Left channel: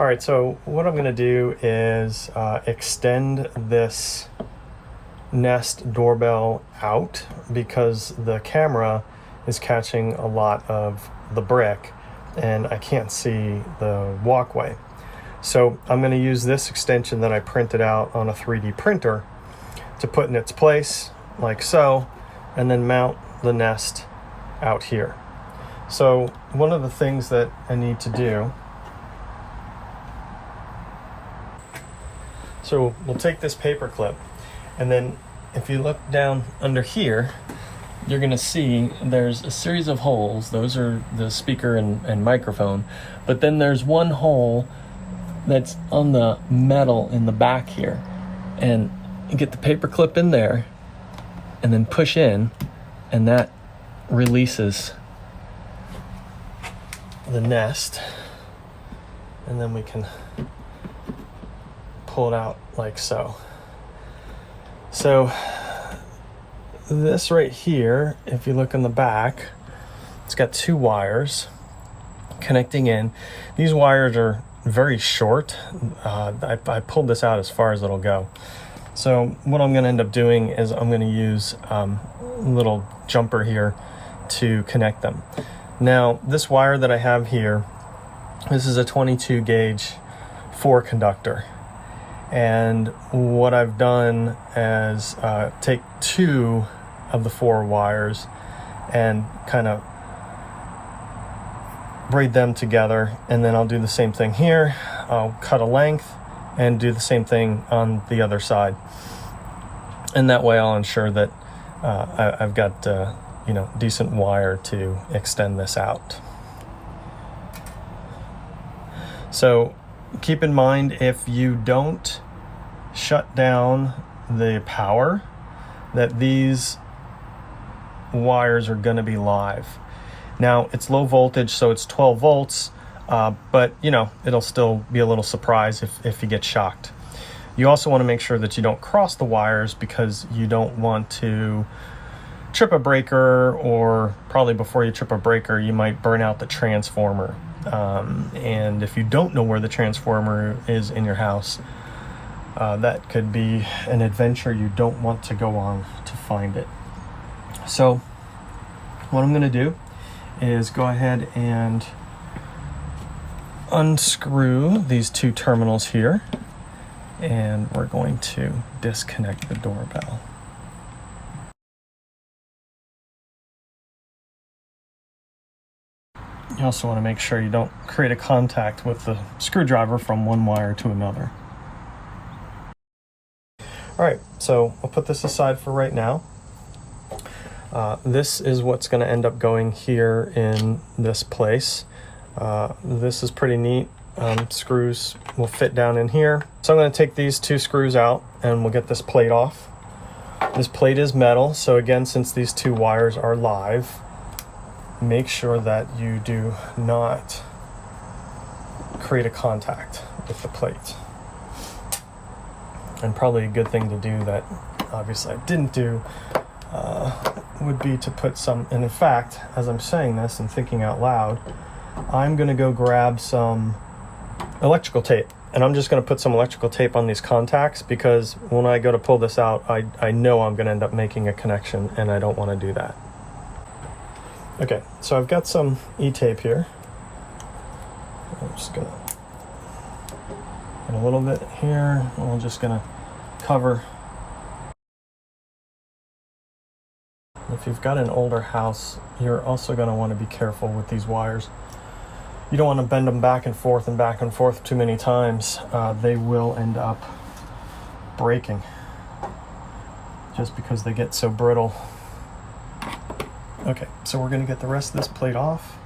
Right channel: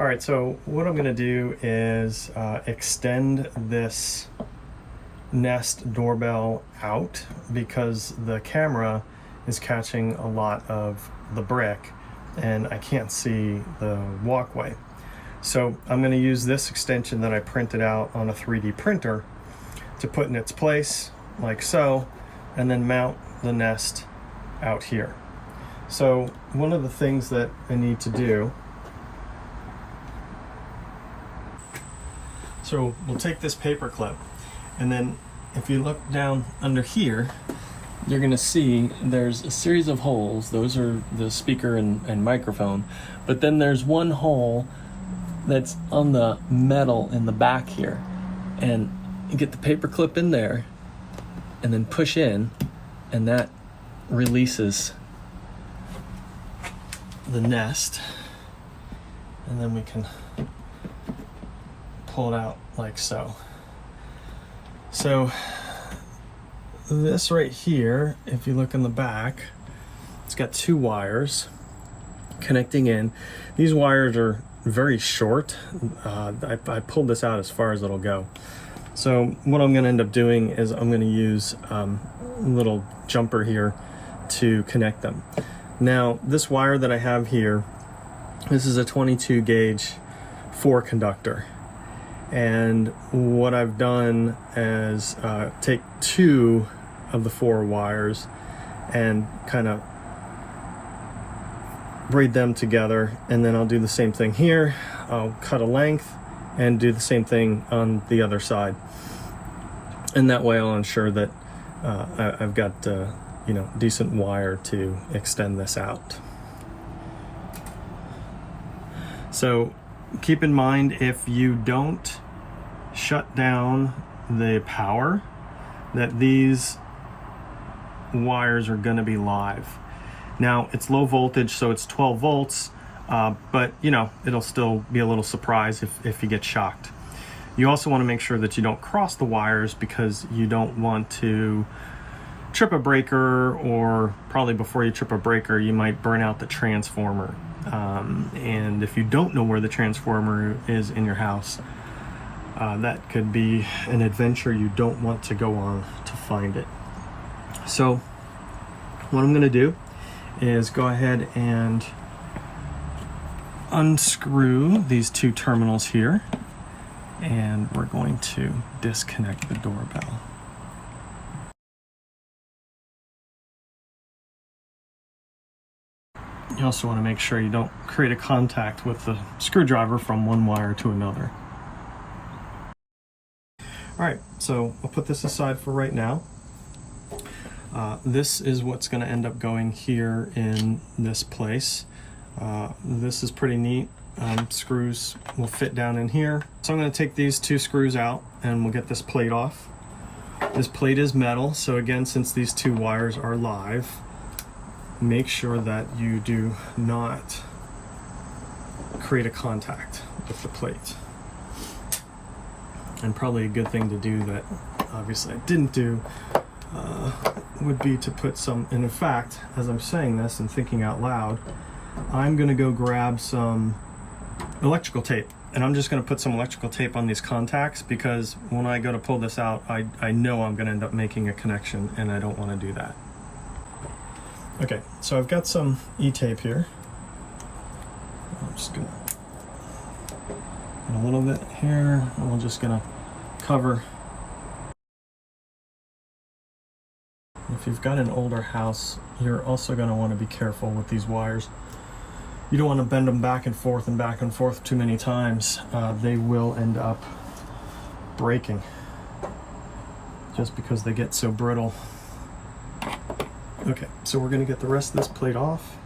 All right, so what I'm gonna do is extend this Nest Doorbell out because the camera is catching a lot of the brick and I can't see the walkway. So I'm gonna use this extension that I printed out on a 3D printer to put in its place, like so, and then mount the Nest out here. So one of the things that I need to do, so we'll take this paper clip, and then if you look down under here, you're gonna see there's a series of holes. Those are the speaker and microphone, but then there's one hole that's on the metal in the back here. And you get the paper clip in there and then push in, and that releases the Nest, and then we can pull it out like so. So this right here, if you look in the back, it's got two wires connecting in. These wires are very short. I pulled this out as far as it'll go. So what I'm going to end up doing is I'm going to use a little jumper here to connect them. Now this wire that I have here, this is a 22 gauge 4 conductor. And what I've done is take 2 of the 4 wires and kind of braid them together, and then I'll do the same thing here. I'll cut a length and do the same thing on the other side, and that way I'll ensure that I've got decent wire to extend this out. So keep in mind, if you don't shut down the power, that these wires are going to be live. Now it's low voltage, so it's 12 volts, but it'll still be a little surprise if you get shocked. You also want to make sure that you don't cross the wires, because you don't want to trip a breaker, or probably before you trip a breaker you might burn out the transformer. And if you don't know where the transformer is in your house, that could be an adventure you don't want to go on to find it. So what I'm going to do is go ahead and unscrew these 2 terminals here, and we're going to disconnect the doorbell. You also want to make sure you don't create a contact with the screwdriver from one wire to another. All right, so I'll put this aside for right now. This is what's going to end up going here in this place. This is pretty neat. Screws will fit down in here. So I'm going to take these 2 screws out and we'll get this plate off. This plate is metal, so again, since these 2 wires are live, make sure that you do not create a contact with the plate. And probably a good thing to do that obviously I didn't do would be to put some, and in fact, as I'm saying this and thinking out loud, I'm gonna go grab some electrical tape, and I'm just gonna put some electrical tape on these contacts, because when I go to pull this out, I know I'm gonna end up making a connection, and I don't wanna do that. Okay, so I've got some E-tape here. I'm just gonna put a little bit here, and we're just gonna cover. If you've got an older house, you're also going to want to be careful with these wires. You don't want to bend them back and forth too many times. They will end up breaking just because they get so brittle. Okay, so we're going to get the rest of this plate off.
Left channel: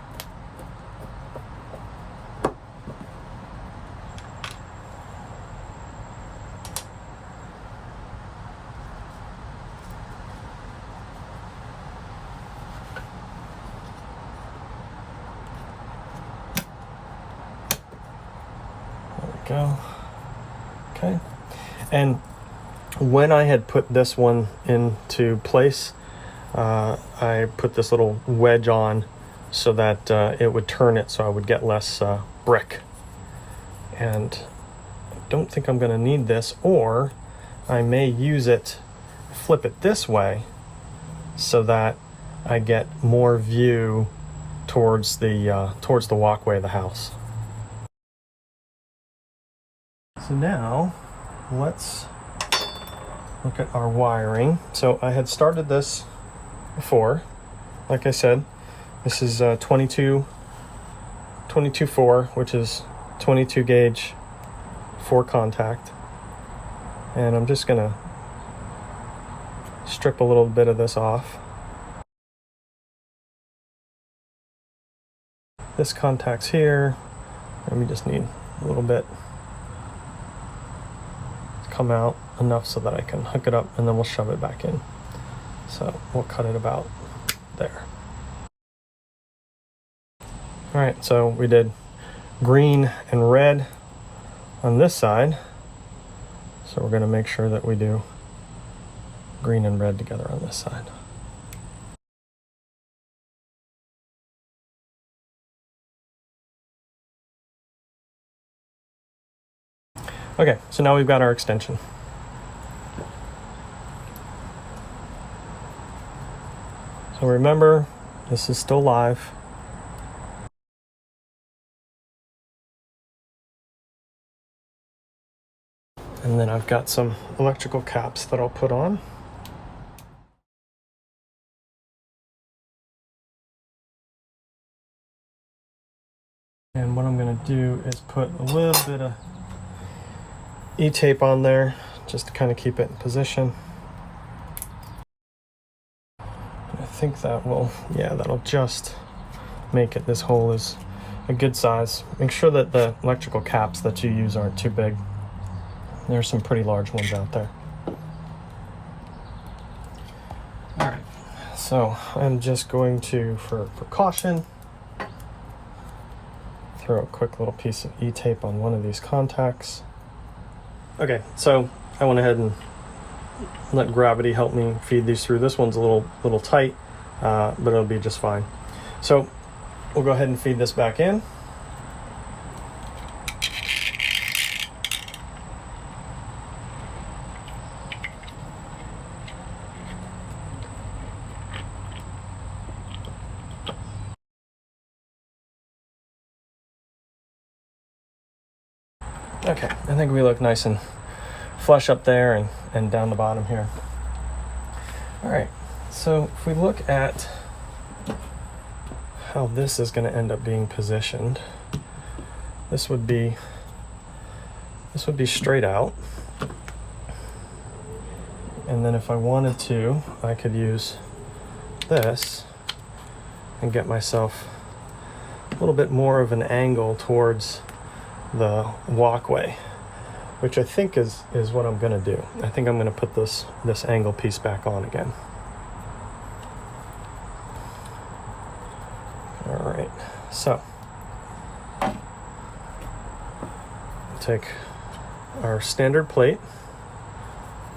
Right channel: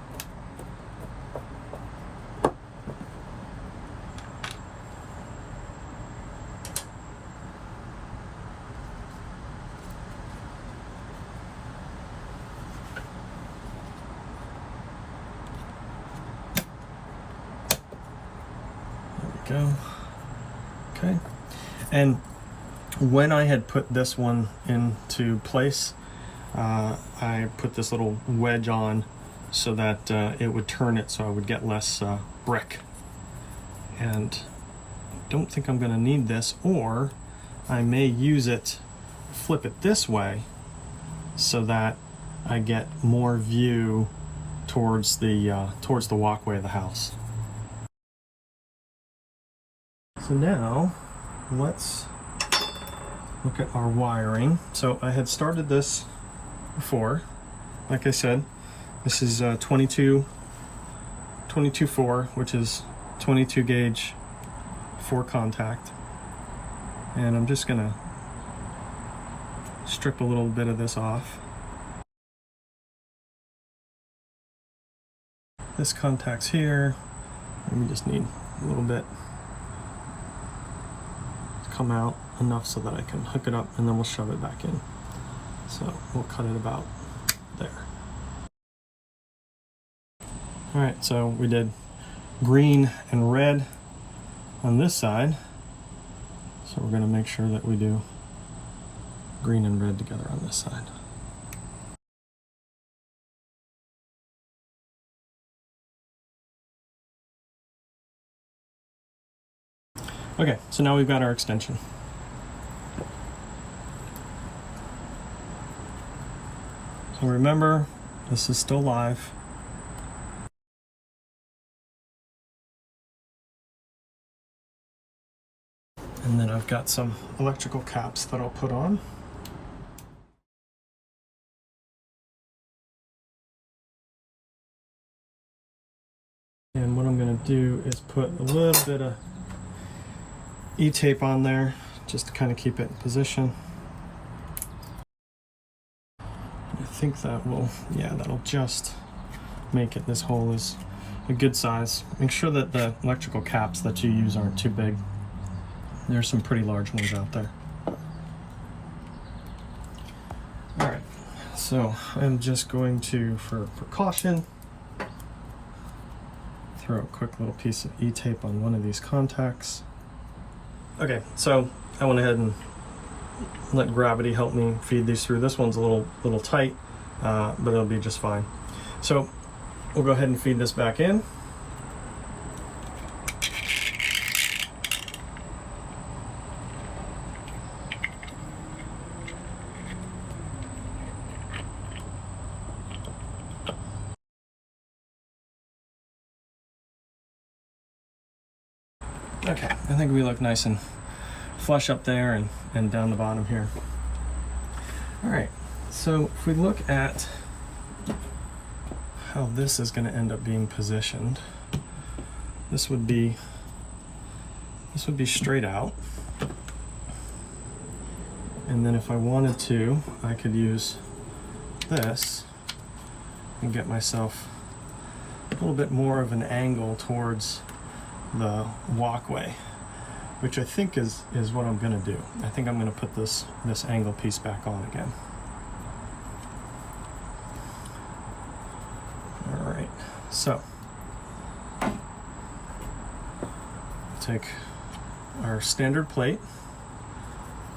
Go. Okay, and when I had put this one into place, I put this little wedge on so that it would turn it so I would get less brick. And I don't think I'm gonna need this, or I may use it, flip it this way so that I get more view towards the walkway of the house. So now let's look at our wiring. So I had started this before. Like I said, this is 22.4, which is 22 gauge 4 contact. And I'm just gonna strip a little bit of this off. This contact's here, and we just need a little bit to come out enough so that I can hook it up, and then we'll shove it back in. So we'll cut it about there. All right, so we did green and red on this side. So we're gonna make sure that we do green and red together on this side. Okay, so now we've got our extension. So remember, this is still live. And then I've got some electrical caps that I'll put on. And what I'm gonna do is put a little bit of E-tape on there just to kind of keep it in position. And I think that will, yeah, that'll just make it, this hole is a good size. Make sure that the electrical caps that you use aren't too big. There's some pretty large ones out there. All right, so I'm just going to, for caution, throw a quick little piece of E-tape on one of these contacts. Okay, so I went ahead and let gravity help me feed these through. This one's a little tight, but it'll be just fine. So we'll go ahead and feed this back in. Okay, I think we look nice and flush up there and down the bottom here. All right, so if we look at how this is going to end up being positioned, this would be straight out. And then if I wanted to, I could use this and get myself a little bit more of an angle towards the walkway, which I think is what I'm gonna do. I think I'm gonna put this angle piece back on again. All right, so take our standard plate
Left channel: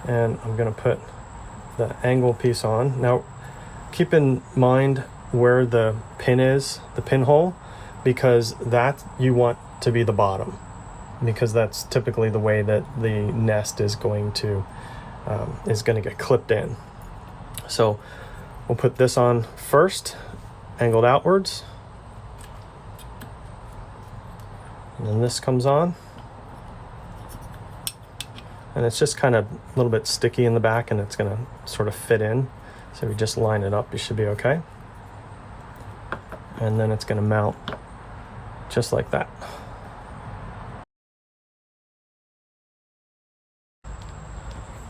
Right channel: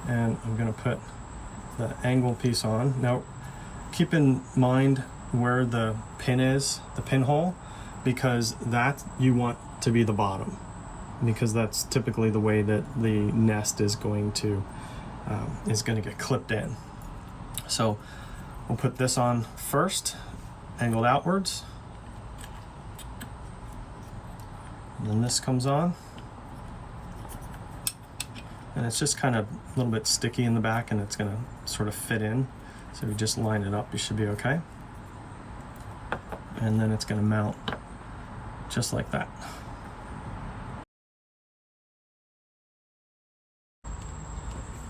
and I'm gonna put the angle piece on. Now keep in mind where the pin is, the pinhole, because that you want to be the bottom, because that's typically the way that the nest is going to get clipped in. So we'll put this on first, angled outwards, and then this comes on, and it's just kind of a little bit sticky in the back, and it's going to sort of fit in. So if you just line it up, you should be okay. And then it's going to mount just like that.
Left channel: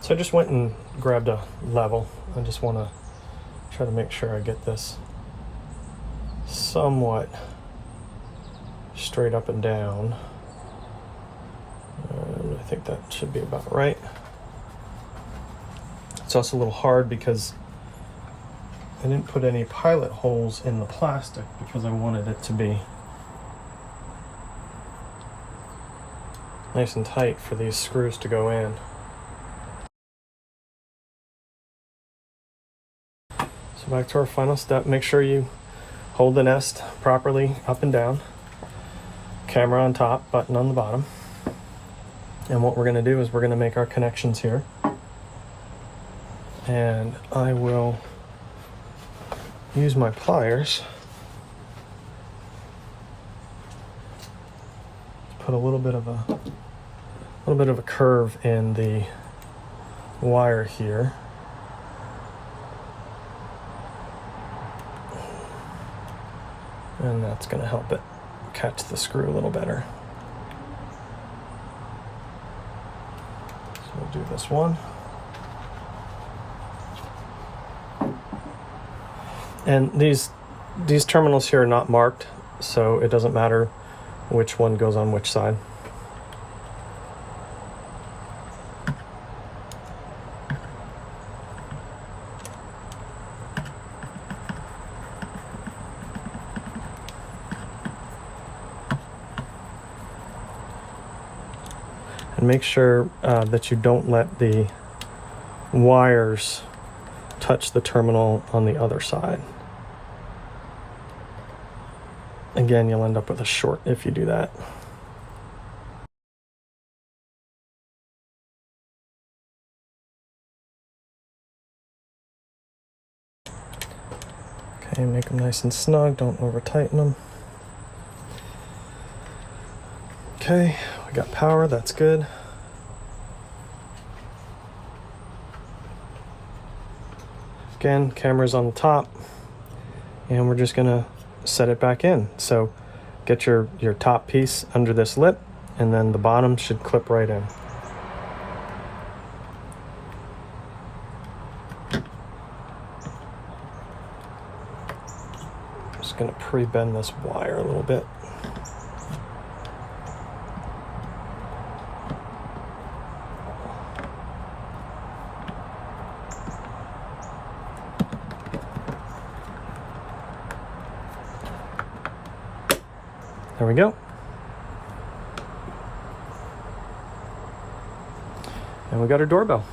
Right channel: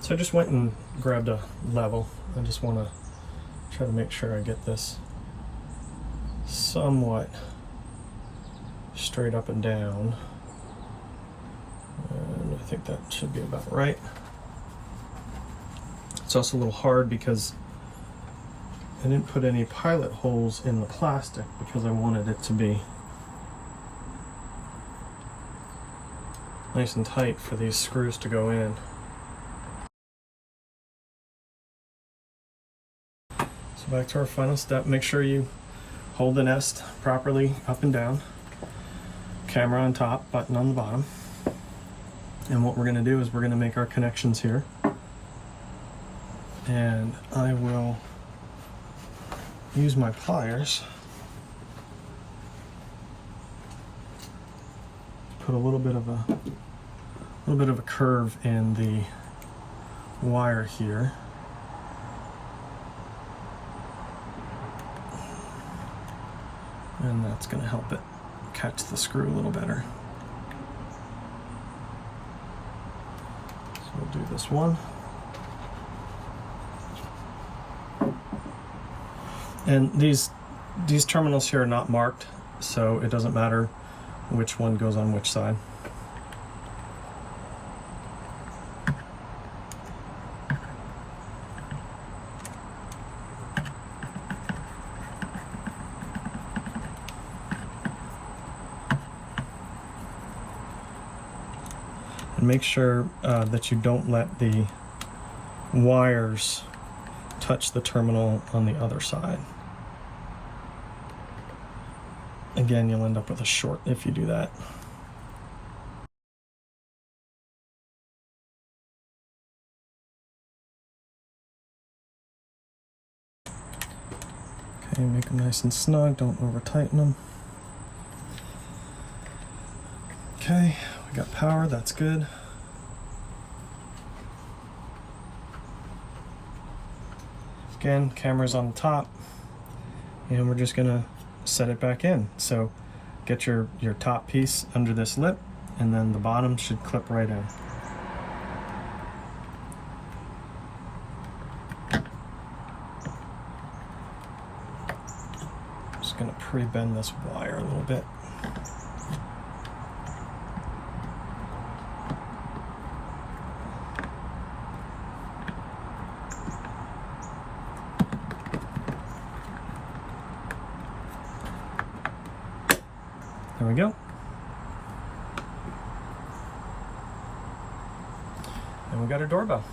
So I just went and grabbed a level. I just want to try to make sure I get this somewhat straight up and down. And I think that should be about right. It's also a little hard because I didn't put any pilot holes in the plastic because I wanted it to be nice and tight for these screws to go in. So back to our final step, make sure you hold the nest properly up and down. camera on top, button on the bottom. And what we're going to do is we're going to make our connections here. And I will use my pliers. Put a little bit of a curve in the wire here. And that's going to help it catch the screw a little better. So we'll do this one. And these terminals here are not marked, so it doesn't matter which one goes on which side. And make sure that you don't let the wires touch the terminal on the other side. Again, you'll end up with a short if you do that. Okay, make them nice and snug, don't over tighten them. Okay, we got power, that's good. Again, camera's on the top, and we're just gonna set it back in. So get your top piece under this lip, and then the bottom should clip right in. Just gonna pre-bend this wire a little bit. There we go. And we got our doorbell.